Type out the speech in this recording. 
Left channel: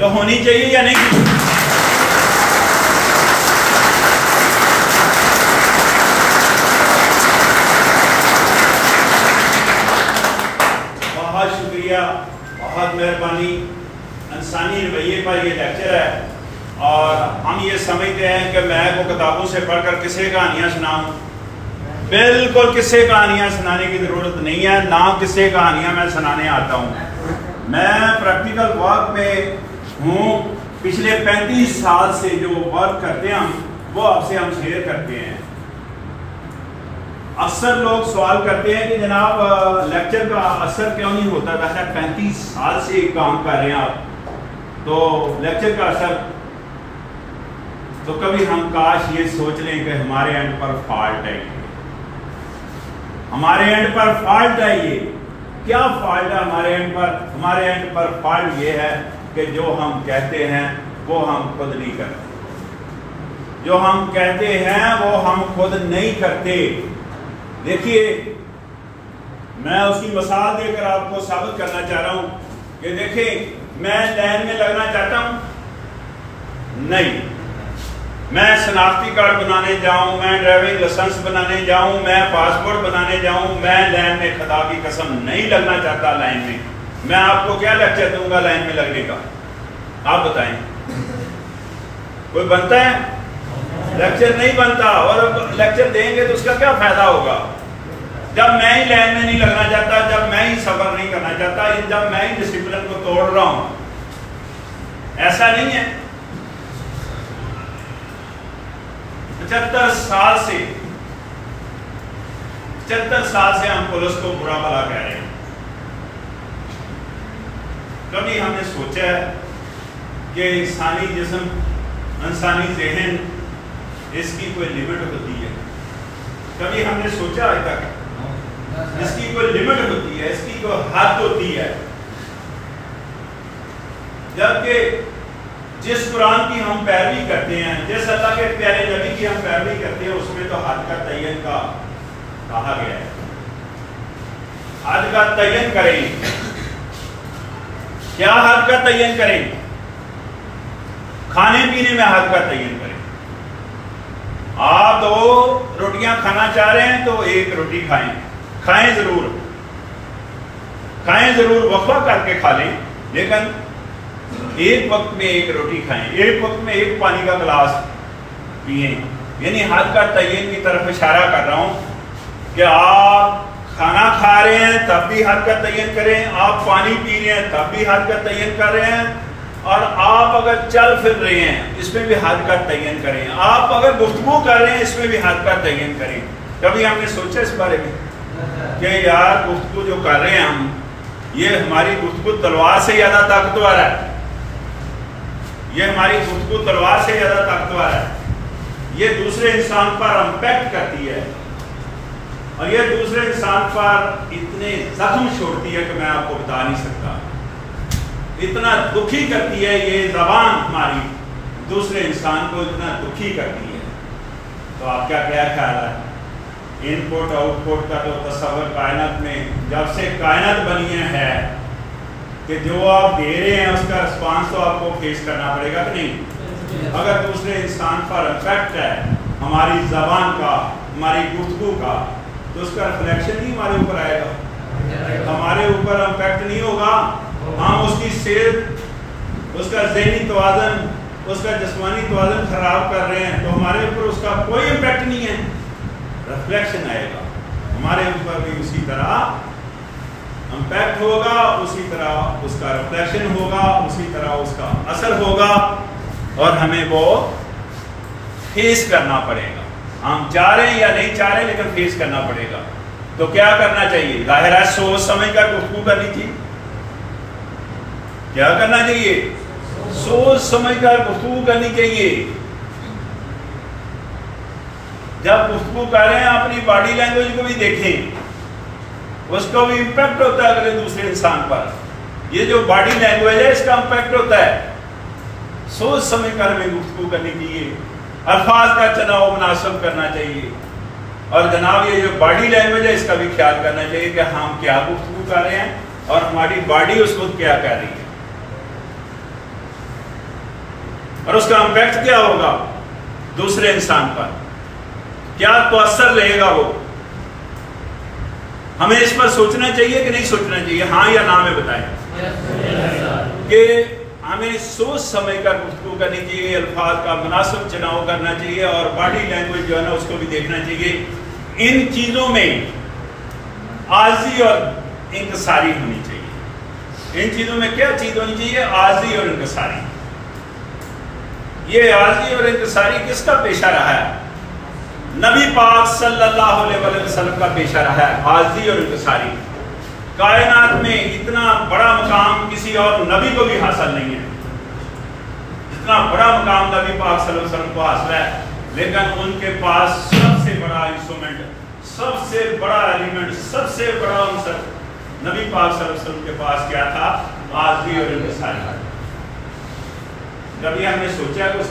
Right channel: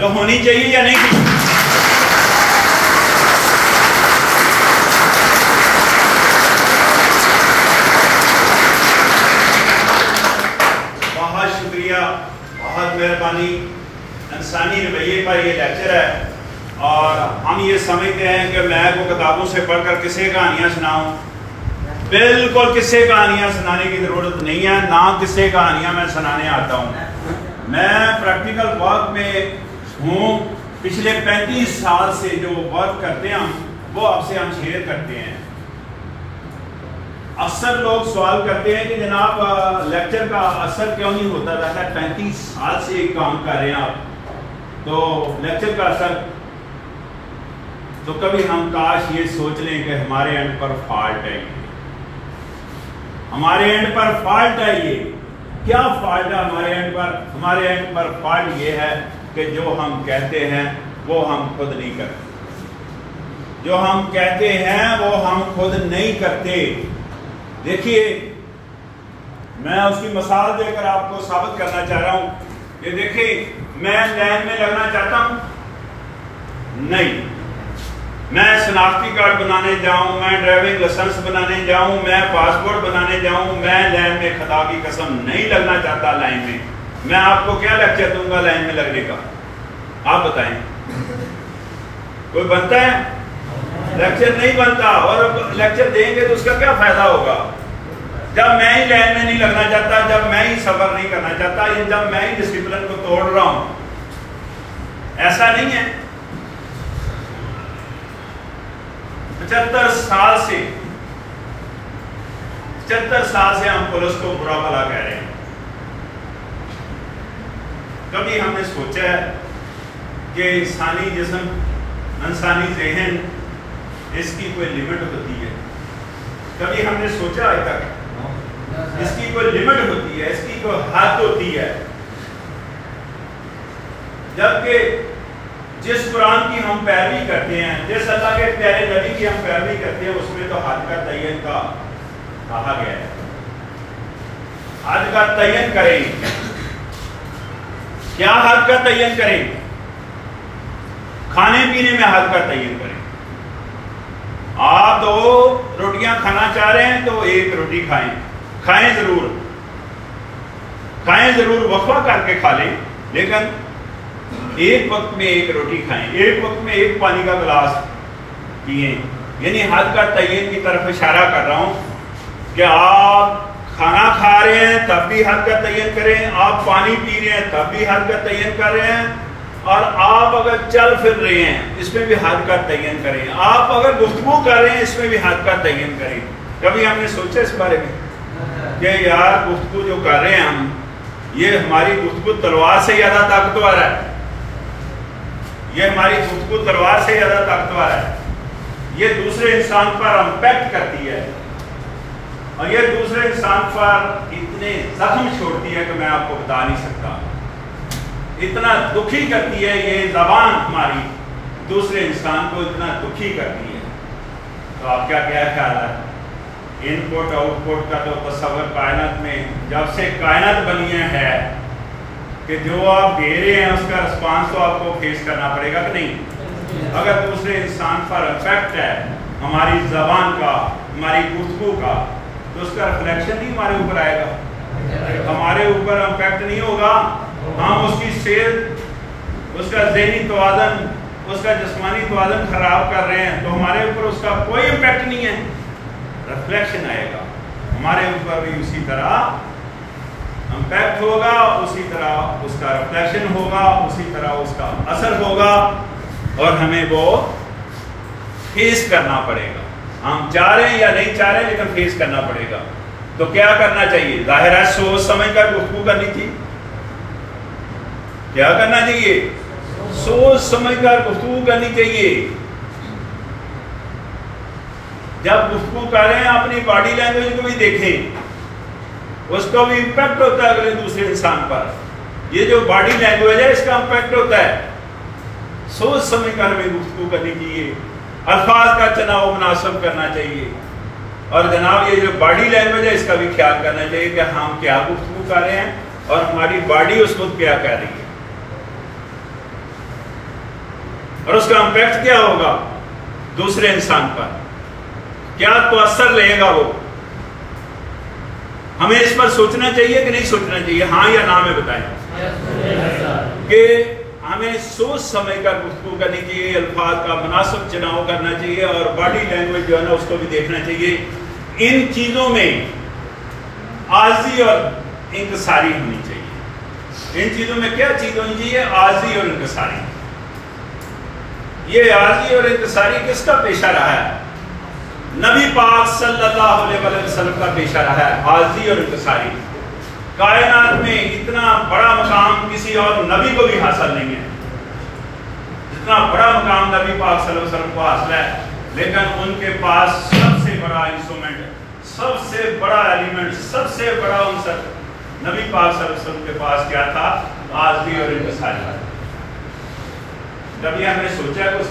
तो होनी चाहिए या नहीं? बहुत शुक्रिया, बहुत मेहरबानी। इंसानी रवैये पर ये लेक्चर है और हम ये समझते हैं कि मैं वो किताबों से पढ़कर किसे कहानियाँ सुनाऊँ। बिल्कुल किस्से कहानियां सुनाने की जरूरत नहीं है, ना किस्से कहानियां मैं सुनाने आता हूं। मैं प्रैक्टिकल वर्क में हूं, पिछले 35 साल से जो वर्क करते हैं वो आपसे हम शेयर करते हैं। अक्सर लोग सवाल करते हैं कि जनाब लेक्चर का असर क्यों नहीं होता था? 35 साल से काम कर रहे हैं आप, तो लेक्चर का असर। तो कभी हम काश ये सोच लें कि हमारे एंड पर फॉल्ट है, हमारे एंड पर फॉल्ट है। ये क्या फॉल्ट है हमारे एंड पर? हमारे एंड पर फॉल्ट ये है कि जो हम कहते हैं वो हम खुद नहीं करते, जो हम कहते हैं वो हम खुद नहीं करते। देखिए, मैं उसकी मिसाल देकर आपको साबित करना चाह रहा हूं कि देखिए, मैं लाइन में लगना चाहता हूं नहीं, मैं शनाख्ती कार्ड बनाने जाऊं, मैं ड्राइविंग लाइसेंस बनाने जाऊं, मैं पासपोर्ट बनाने जाऊं, मैं लाइन में खुदा की कसम नहीं लगना चाहता लाइन में। मैं आपको क्या लेक्चर दूंगा लाइन में लगने का? आप बताएं, कोई बनता है? लेक्चर नहीं बनता। और लेक्चर देंगे तो उसका क्या फायदा होगा जब मैं ही लाइन में नहीं लगना चाहता, जब मैं ही सफर नहीं करना चाहता, जब मैं ही डिसिप्लिन को तोड़ रहा हूं। ऐसा नहीं है। 75 साल से हम पुलिस को बुरा भला कह रहे हैं। कभी हमने सोचा है कि इंसानी जिस्म, इंसानी ज़हन, इसकी कोई लिमिट होती है? कभी हमने सोचा है तक इसकी कोई लिमिट होती है, इसकी कोई हद होती है? जबकि जिस कुरान की हम पैरवी करते हैं, जिस अल्लाह के प्यारे नबी की हम पैरवी करते हैं, उसमें तो हद का तयन का कहा गया है। हद का तयन करेंगे, क्या हद का तयन करेंगे? खाने पीने में हद का तयन करें। आप 2 रोटियां खाना चाह रहे हैं तो 1 रोटी खाएं, खाएं जरूर, वक्फा करके खा लें, लेकिन एक वक्त में 1 रोटी खाएं, एक वक्त में 1 पानी का गिलास पिए। यानी हद का तयन की तरफ इशारा कर रहा हूं कि आप खाना खा रहे हैं तब भी हद का तयन करें, आप पानी पी रहे हैं तब भी हद का तयन कर रहे हैं, और आप अगर चल फिर रहे हैं इसमें भी हद का तयन करें, आप अगर गुफ्तगू कर रहे हैं इसमें भी हद का तयन करें। कभी हमने सोचा इस बारे में कि यार गुफ्तगू जो कर रहे हैं हम, ये हमारी गुफ्तगू तलवार से ज्यादा ताकतवर है, ये हमारी गुफ्तगू तलवार से ज्यादा ताकतवर है, ये दूसरे इंसान पर इंपैक्ट करती है, और ये दूसरे इंसान पर इतने जख्म छोड़ती है कि मैं आपको बता नहीं सकता। इतना दुखी करती है ये जबान हमारी, दूसरे इंसान को इतना दुखी करती है। तो आपका क्या ख्याल है? इनपुट आउटपुट का तो तस्वर कायनात में जब से कायनात बनी है कि जो आप दे रहे हैं उसका रिस्पांस तो आपको फेस करना पड़ेगा कि नहीं? अगर दूसरे इंसान पर इफेक्ट है हमारी जबान का, हमारी गुफ्तगू का, तो उसका रिफ्लेक्शन नहीं हमारे ऊपर आएगा, हमारे ऊपर इफेक्ट नहीं होगा। हम उसकी सेहत, उसका ज़हनी तवाज़न, उसका जिस्मानी तवाज़न खराब कर रहे हैं, तो हमारे ऊपर उसका कोई इम्पैक्ट नहीं है, रिफ्लेक्शन आएगा हमारे ऊपर भी, उसी तरह इम्पैक्ट होगा, उसी तरह उसका रिफ्लेक्शन होगा, उसी तरह उसका असर होगा, और हमें वो फेस करना पड़ेगा। हम चाह रहे हैं या नहीं चाह रहे, लेकिन फेस करना पड़ेगा। तो क्या करना चाहिए? जाहिर है सोच समझ कर गुफ्तगू करनी थी। क्या करना चाहिए? सोच समझ कर गुफ्तगू करनी चाहिए। जब गुफ्तगू कर रहे हैं अपनी बॉडी लैंग्वेज को भी देखें, उसको भी इम्पैक्ट होता है अगले दूसरे इंसान पर। ये जो बॉडी लैंग्वेज है इसका इम्पैक्ट होता है। सोच समझ कर हमें गुफ्तगू करनी चाहिए, अल्फाज का चुनाव मुनासिब करना चाहिए, और जनाब ये जो बॉडी लैंग्वेज है इसका भी ख्याल करना चाहिए कि हम क्या गुफ्तगू कर रहे हैं और हमारी बॉडी उस खुद क्या कह रही है। और उसका इम्पैक्ट क्या होगा दूसरे इंसान पर, क्या तो असर रहेगा वो। हमें इस पर सोचना चाहिए कि नहीं सोचना चाहिए? हाँ या ना में बताएं कि हमें सोच समझ कर गुफ्तगू करनी चाहिए, अल्फाज का मुनासिब चुनाव करना चाहिए और बॉडी लैंग्वेज जो है ना उसको भी देखना चाहिए। इन चीजों में आजी और इंकसारी होनी चाहिए। इन चीजों में क्या चीज होनी चाहिए? आजी और इंकसारी। ये आजी और इंकसारी किसका पेशा रहा है? नबी पाक सल्लल्लाहु अलैहि वसल्लम का पेशा रहा है, आजी और इंकसारी। कायनात में इतना बड़ा मकाम किसी और नबी को भी हासिल नहीं है जितना बड़ा मकाम नबी पाक सल्लल्लाहु अलैहि वसल्लम को हासिल है, लेकिन उनके पास सबसे बड़ा इंस्ट्रूमेंट, सबसे बड़ा एलिमेंट, सबसे बड़ा अंसर नबी पाक सल्लल्लाहु अलैहि वसल्लम के पास क्या था? आजी और इंकसारी। कभी हमने सोचा कि